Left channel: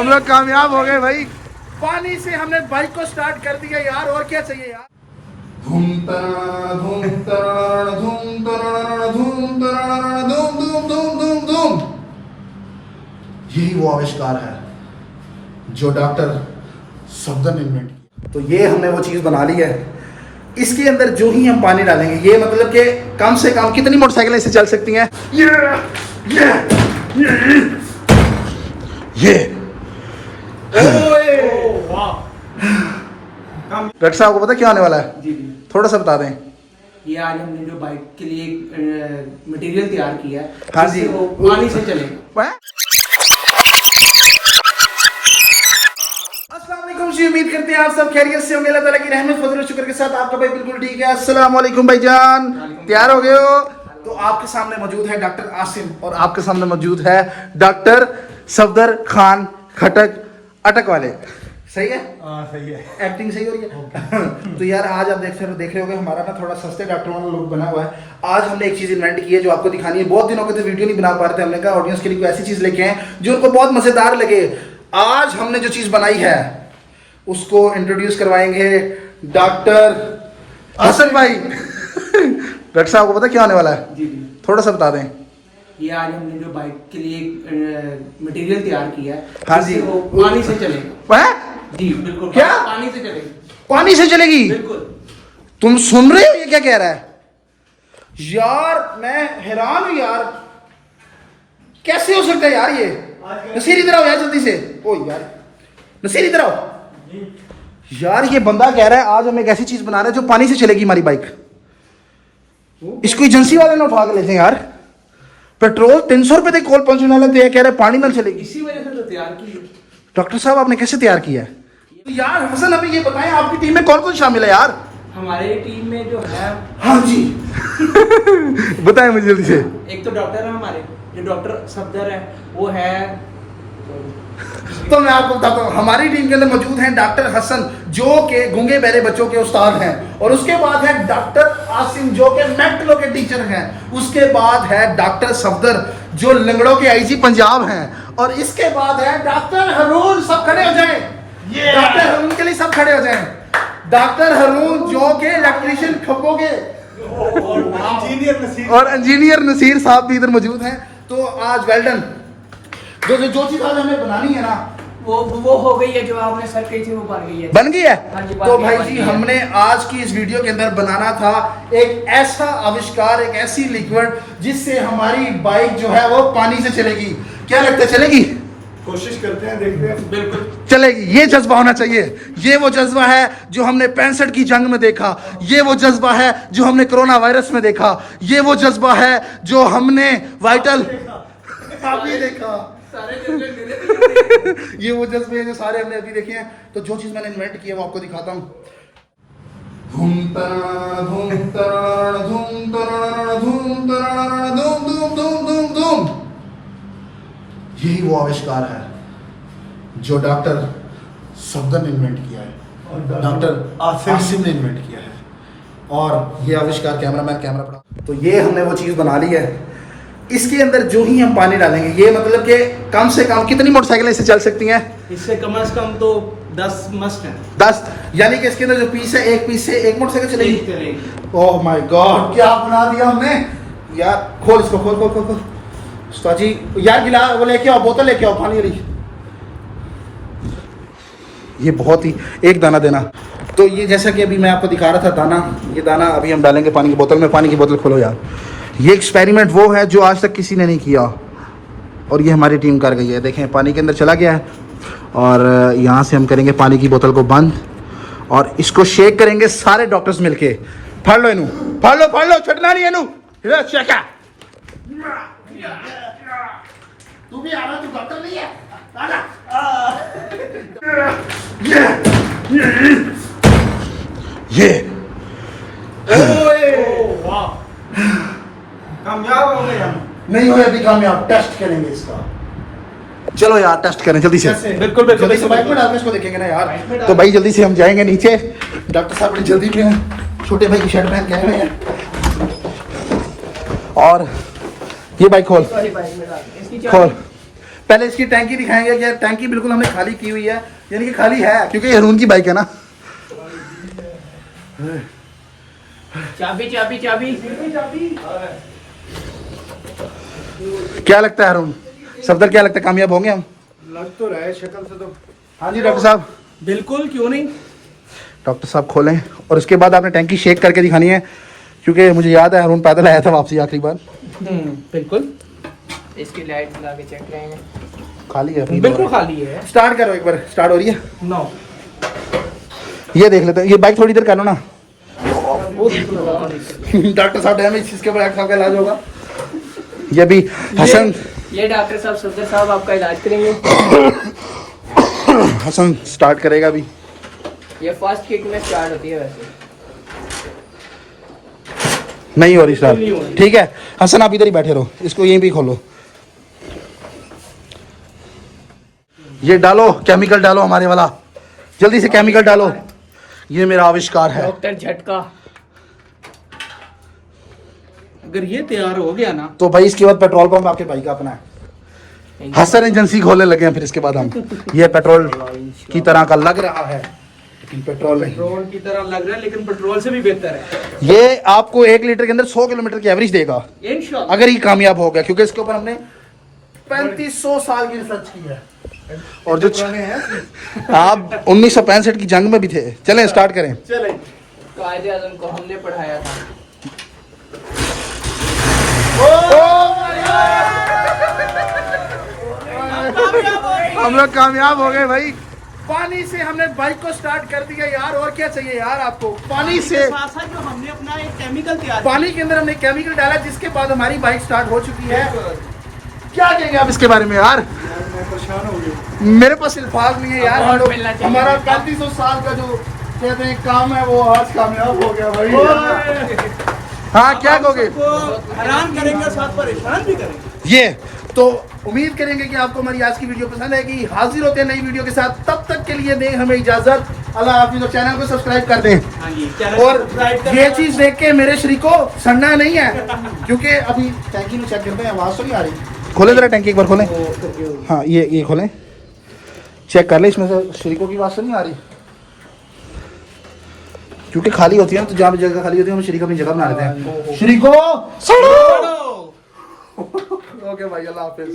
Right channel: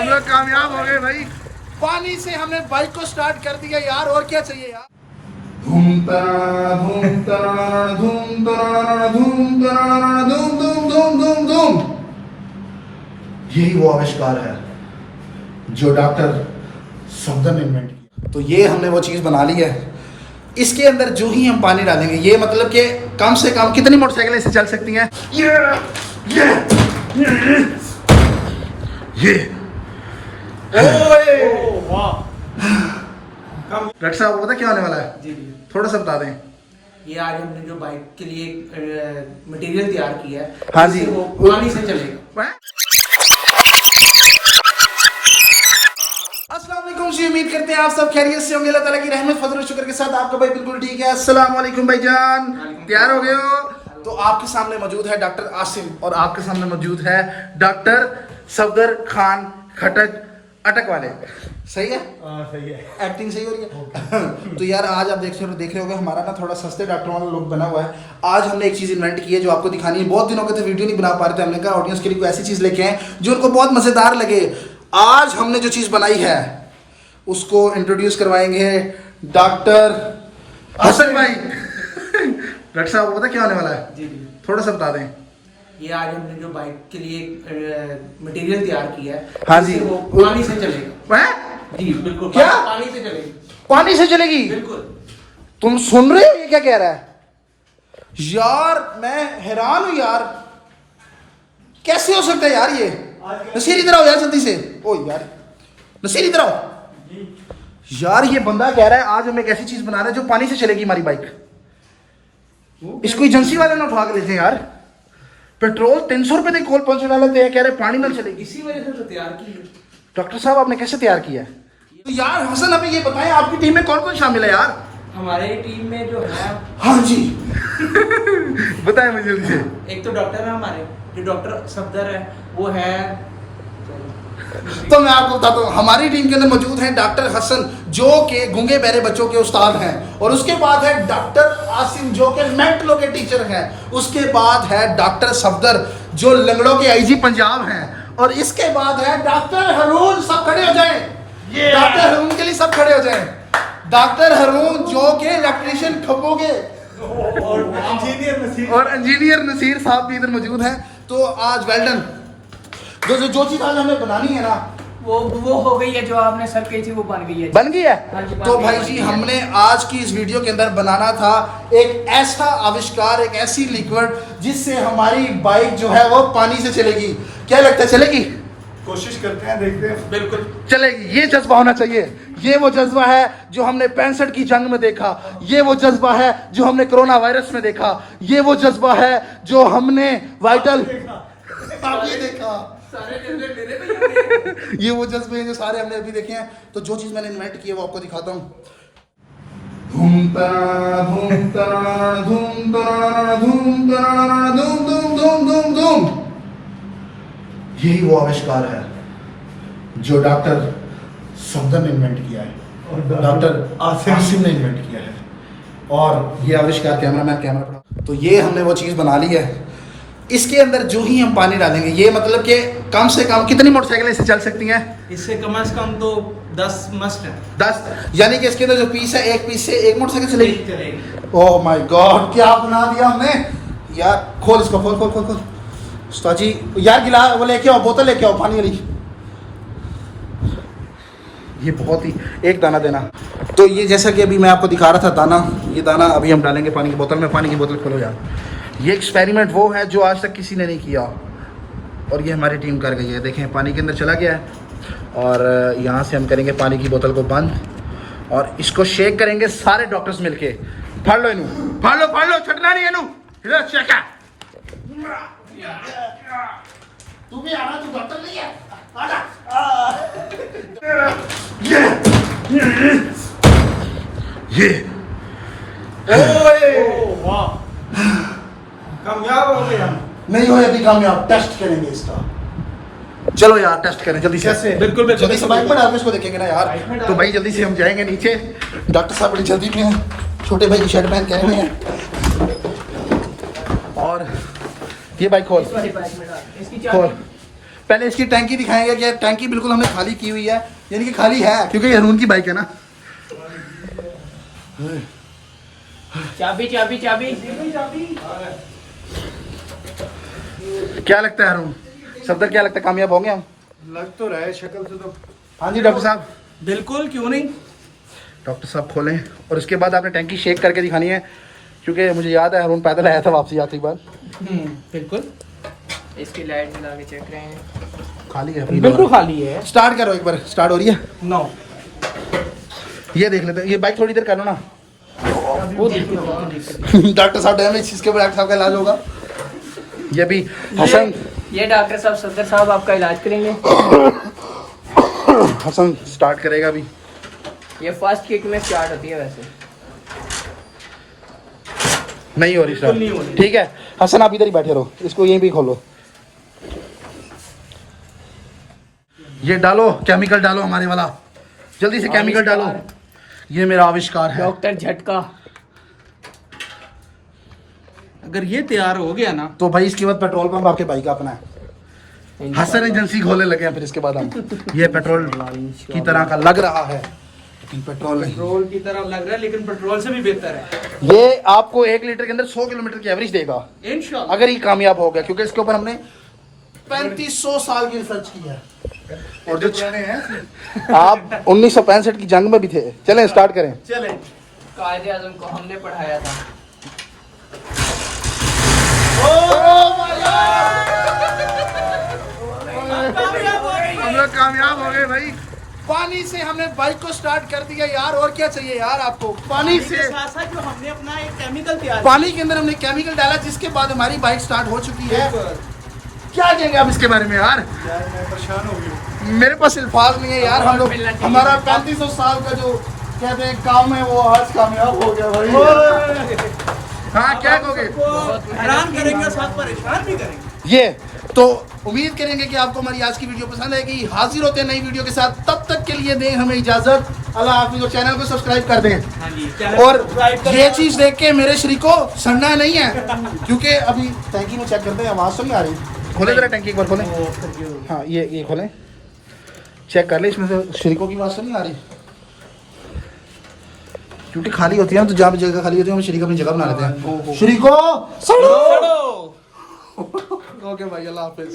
हम लोग कामयाब हो गए भाई। पानी से हमने बाइक को स्टार्ट कर दिया यार, और क्या चाहिए यार। धूम तराना धूम तराना धूम तराना धूम तराना धूम धूम धूम धूम धूम। यही वो आविष्कार है जो डॉक्टर सफदर ने इन्वेंट किया। तो ये हमने वो चीज़ बना ली है। इसके अंदर जो ही हम पानी डालेंगे, ये मतलब कि कम से कम कितनी मोटरसाइकिलें इससे चल सकती हैं? ये डॉक्टर साहब को पता क्या होने वाला है? जी थोड़ा सा बता दें। ये आज हमने जो बाइक के लिए मटेरियल तैयार किया है, हाँ जी, वो पानी से चलेगा। अस्सलाम वालेकुम जी, उम्मीद करते हैं आप सब खैरियत से होंगे। अल्लाह ताला की रहमत फजल और शुक्र के साथ आपका भाई बिल्कुल ठीक है। अस्सलाम वालेकुम भाईजान, तैयार हो गए हो? तो आपके सामने मौजूद है डॉक्टर आसिम और आपके सामने मौजूद है डॉक्टर सफदर खान खटक अटक वाले। सही है? सही है। एक्टिंग सही हो रही है। तो यार आज आप देख रहे होगे हमारा ना थोड़ा सस्ते डॉक्टर वाला लुक बना हुआ है। आज हमने एक चीज़ इन्वेंट की है जो आपको दिखानी है। बहुत दिनों के तो वीडियो नहीं बना पा रहे थे, हमने कहा ऑडियंस के लिए कोई ऐसी चीज़ लेके आए जो उनको बहुत मज़ेदार लगे। आज हमने जो चीज़ बनाई है उसको इंट्रोड्यूस करवाएंगे डॉक्टर हसन भाई। डॉक्टर साहब को पता क्या होने वाला है? जी थोड़ा सा बता दें। ये आज हमने जो बाइक के लिए मटेरियल तैयार किया है, हाँ जी, वो पानी से चलेगा। जी बिल्कुल। क्या? पानी से चलेगा? पानी से चलेगी? बिल्कुल। तुम सुन रहे हो ये क्या कह रहा है? यार मैं हैरान हूं यार, कैसे हो सकता है यार ये? नसीर इधर आओ यार जल्दी से। ओ यार नसीर इधर आओ यार। ये बंदा कह रहा है आज हम एक ऐसी चीज बना रहे हैं जो पानी से चलेगी हमारी बाइक। इसको एजेंसी वाले ने उठा के लेते हैं यार। पेट्रोल 300 रुपए तक कॉल पहुंचने वाले थे, कह रहे पानी में चलेगी। इसी वजह से तो तैयार की है। डॉक्टर साहब आपने कैसे तैयार किया है? तो यार हसन अभी ये बताएं आपकी टीम में कौन कौन शामिल है यार? हमारे टीम में जो है, हाँ जी बताएं मुझे जल्दी से। एक तो डॉक्टर है हमारे, जो डॉक्टर सफदर है वो है। तो मैं आपको बताता हूँ हमारी टीम के अंदर मौजूद हैं डॉक्टर हसन जो कि गूंगे बहरे बच्चों के उस्ताद हैं, और उसके बाद है डॉक्टर आसिम जो कि मेंटलों के टीचर हैं, उसके बाद है डॉक्टर सफदर जो लंगड़ों के आईजी पंजाब हैं, और इसके बाद है डॉक्टर रून। सब खड़े हो जाएं, डॉक्टर रून के लिए सब खड़े हो जाएं। डॉक्टर रून जो के इलेक्ट्रीशियन खब्बों के, और इंजीनियर नसीर साहब भी इधर मौजूद हैं। तो आज वेल्डन जो चीज आज हमें बनानी है ना वो हो गई है, जो आपने सर कही थी वो बन गई है। बन गई है? हाँ जी, तो भाई जी हमने आज की इस वीडियो के अंदर बनाना था एक ऐसा आविष्कार, एक ऐसी लिक्विड जिससे हमारी बाइक जो है वो पानी से चलेगी। क्या लगता है चलेगी? कोशिश करते हैं, देखते हैं। बिल्कुल चलेगी। ये जज्बा होना चाहिए। ये वो जज्बा है जो हमने 65 की जंग में देखा। ये वो जज्बा है जो हमने कोरोना वायरस में देखा। ये वो जज्बा है जो हमने वाइटल अभी देखा। ये वो जज्बे हैं जो सारे हमने अभी देखे हैं। तो जो चीज मैंने इन्वेंट की है वो आपको दिखाता हूँ। धूम तराना धूम तराना धूम तराना धूम तराना धूम धूम धूम धूम धूम। यही वो आविष्कार है जो डॉक्टर सफदर ने इन्वेंट किया है, डॉक्टर आसिम ने इन्वेंट किया है। और ये आविष्कार कैमरा पड़ा। तो ये हमने वो चीज़ बना ली है। इसके अंदर जो ही हम पानी डालेंगे, ये मतलब कि कम से कम कितनी मोटरसाइकिलें इससे चल सकती हैं? इससे कम से कम तो 10 मस्ट है। 10, यानी कि इसके अंदर जो पीस है, एक पीस से एक मोटरसाइकिल चलेगी। ओह माय गॉड, क्या बना दिया हमने यार। खोल इसको, खोल खोल खोल खोल। उस्ताद जी यार गिला वो लेके आओ, बोतल लेके आओ पानी वाली। ये बहुत ही एक दाना देना। तो ये जैसा कि अभी मैं आपको दिखा रहा था दाना, ये दाना अभी हम डालेंगे पानी की बोतल में। पानी की बोतल खोलो यार। ये एक्सपेरिमेंट वो है जो आज तक किसी ने नहीं किया, और ये हमारी टीम कर गई है। देखें पानी के अंदर चला गया है, और यहाँ से हम करेंगे पानी की बोतल को बंद, और इसको शेक करेंगे सारे डॉक्टर्स मिलके। फड़ लो इनू, फड़ लो, छटना नहीं इनू। तू भी आना, तू डॉक्टर नहीं है, आना। ये कामयाब हो गए हम। नहीं हो अभी कामयाब, टेस्ट करेंगे इसका। चलो यार टेस्ट करें जल्दी से। बिल्कुल जल्दी से बाइक में डाल के इसको देखेंगे ना यार। तो भाई जल्दी से हम जाएंगे नीचे। डॉक्टर साहब ने जल्दी में छोटे भाई की शर्ट पहन के आए हुए हैं। और ये बाइक खोल खोल पहले इसकी टैंकी दिखाएंगे कि टैंकी बिल्कुल हमने खाली की हुई है, यानी कि खाली है क्योंकि ये रून की बाइक है ना। चाबी चाबी चाबी क्या लगता है अरुण, सफदर क्या लगता है कामयाब होंगे हम? लग तो रहा है शक्ल से तो। हाँ जी डॉक्टर साहब। बिल्कुल, क्यों नहीं। डॉक्टर साहब खोलें और उसके बाद आपने टैंकी शेक करके दिखानी है, क्योंकि मुझे याद है अरुण पैदल आया था वापसी आखिरी बार। बिल्कुल। इसकी लाइट जला के चेक करेंगे। खाली है अपनी बिल्कुल खाली है। स्टार्ट करो एक बार, स्टार्ट हो रही है? नो। ये देख लेते हैं, ये बाइक थोड़ी देर कर लो ना। डॉक्टर साहब डैमेज, इसके ऊपर डॉक्टर साहब का इलाज होगा। ये भी हसन, ये डॉक्टर साहब सफदर साहब आपका इलाज करेंगे। हसन स्टार्ट करेगा अभी। ये फर्स्ट किक में स्टार्ट होती है वैसे। नहीं हो रही नहीं हो स्टार्ट, रही। ठीक है हसन आप इधर ही बैठे रहो, इसको यहीं भी खोलो। ये डालो केमिकल, डालो हमारे वाला, जल्दी से केमिकल डालो। ये मेरा आविष्कार है। डॉक्टर झटका। अगर ये तैयार हो गया ना, तो भाई इसके बाद पेट्रोल पंप आपके भाई का अपना है। हसन एजेंसी खोलने लगे हैं फिर इसके बाद हम। ये पेट्रोल की तरह का लग रहा है लेकिन पेट्रोल नहीं। पेट्रोल की तरह लग रहा है लेकिन पेट्रोल से भी बेहतर है। ये आपको 1 लीटर के अंदर 100 किलोमीटर की एवरेज देगा इंशाल्लाह। अगर ये कामयाब हो गया, क्योंकि इसके ऊपर हमने 3500 साल की रिसर्च की है। और जो आप 1965 की जंग में भी थे। चलें स्टार्ट करें। चले। कायदे आजम को हमने पढ़ाया था। हम लोग कामयाब हो गए भाई। पानी से हमने बाइक को स्टार्ट कर दिया यार, और क्या चाहिए यार आपको? पानी से साथ साथ जो हमने अपना एक केमिकल तैयार पानी के अंदर हमने केमिकल डाला, जिसके बाद हमारी बाइक स्टार्ट हो चुकी है। क्या कहेंगे आप इसके बारे में यार? मैं परेशान हो गया। मेरे पास अल्फाज नहीं है यार। हम लोग हमारा 3500 साल का जो कहते हैं काम है वो आज कामयाब हो गया भाई। हाँ क्या कहोगे? हैरान करेंगे, साथ परेशान भी करेंगे। ये तो उम्मीद करेंगे कि आपको हमारी आज की वीडियो पसंद आएगी। हाजिर होते हैं नई वीडियो के साथ, तब तक के लिए दें हमें इजाजत। अल्लाह हाफिज़। और चैनल को सब्सक्राइब कर दें। हाँ जी। और ये चीज देख के मेरे शरीर को सड़ना नहीं है, क्योंकि अभी टैंकी में चेक करते हैं, आवाज तो नहीं आ रही। खोले जरा टैंकी एक बार खोलें। हाँ ये खोलें, चेक कर ले इसमें से शरीकों की आवाज तो नहीं आ रही, क्योंकि खाली होती है ना, तो जहाँ भी जगह खाली होती है हम शरीक अपनी जगह बना लेते हैं। शरीको ओके भाई, अल्लाह हाफिज।